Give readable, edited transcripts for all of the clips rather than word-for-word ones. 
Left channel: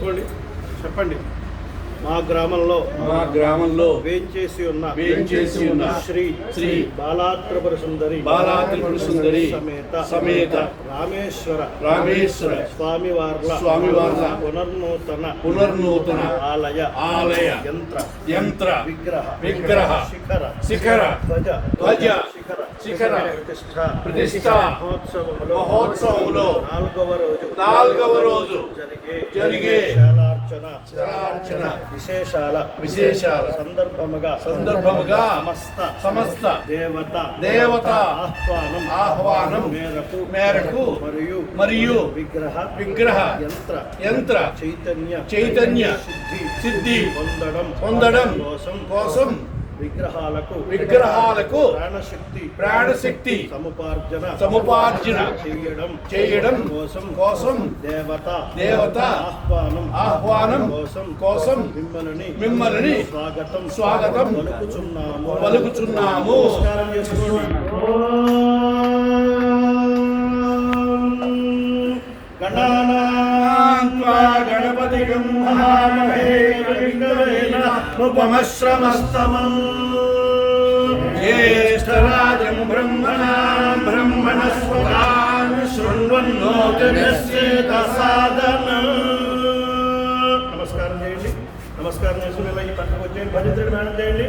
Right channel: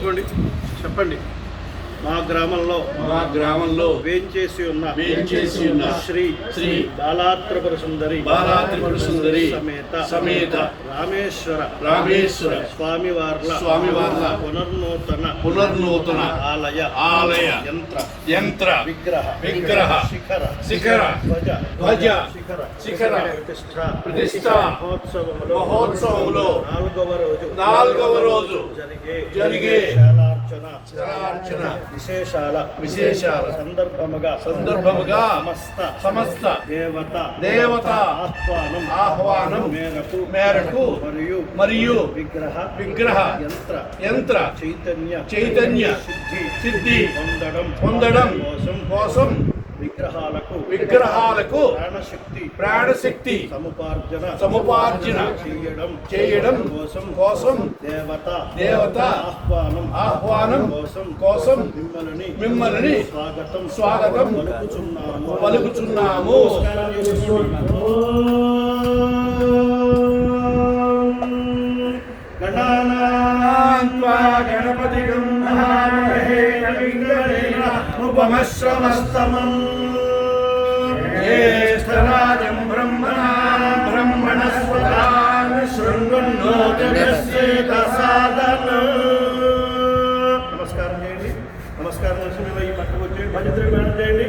చేసుకోండి, చెప్పండి. మా గ్రామంలో వేంచేసి ఉన్న శ్రీ బాలాత్రిపుర సుందరి సమేత రామేశ్వర స్వామివార్ల పునర్నూతన ఆలయ యంత్ర విగ్రహ శిఖర ధ్వజ శిఖర ప్రతిష్ఠ మహోత్సవములో నాలుగవ రోజు జరిగే విశేషాల సందర్భముగా సమస్త దేవత ఆహ్వానం మేరకు మరియు విగ్రహ యంత్ర చైతన్య సిద్ధి పొందడం కోసం విగ్రహాలకు ప్రాణశక్తి సముపార్జన చేయడం కోసం దేవత ఆహ్వానం కోసం మిమ్మల్ని స్వాగతం పలుకుచున్నాము. గణపతిగం ఉపమశ్రమస్తమం జ్యేష్ఠరాజం బ్రహ్మణస్పదాన్ శృణ్వన్నోతిరస్యేత సాదనం. నమస్కారం చేయండి. నమస్కారం చేసి మేము ఈ పక్కకు వచ్చేయండి. భజంత్రుడు మేడం చేయండి.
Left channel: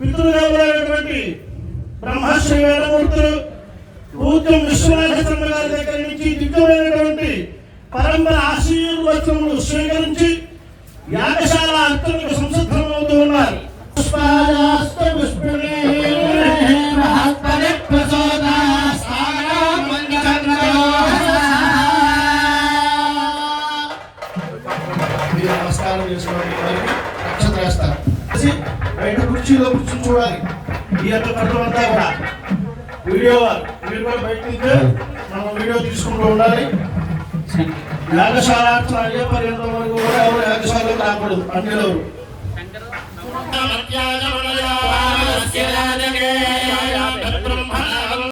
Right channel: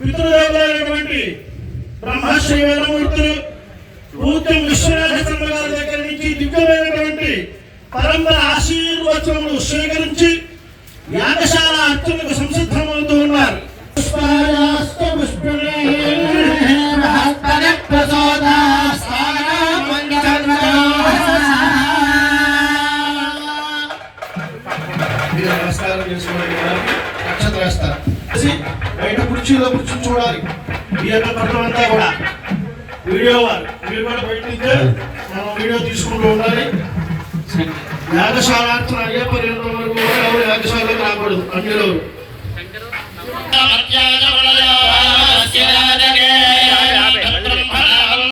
పితృదేవులైనటువంటి బ్రహ్మశ్రీ వేదమూర్తులు పూజ్యం విశ్వనాథ గారి దగ్గర నుంచి దివ్యమైనటువంటి పరంపర ఆశీర్వచనములు స్వీకరించి యాగశాల అర్చనకు సంసిద్ధమవుతూ ఉన్నారు. నమస్కారం చేసుకోండి. నక్షత్రం వేస్తారు. బయట కుర్చీలో కూర్చొని చూడాలి. ఈ యొక్క పత్రం అంతా కూడా వీడియో మీరు కూడా బయట నుంచి మనం వీడియో తీసుకుంటూ ఉండాలి. యాగశాల అయ్యే పర్యంతం వరకు కూడా ఎవరు యాగశాలలో రాకూడదు. అన్నిలో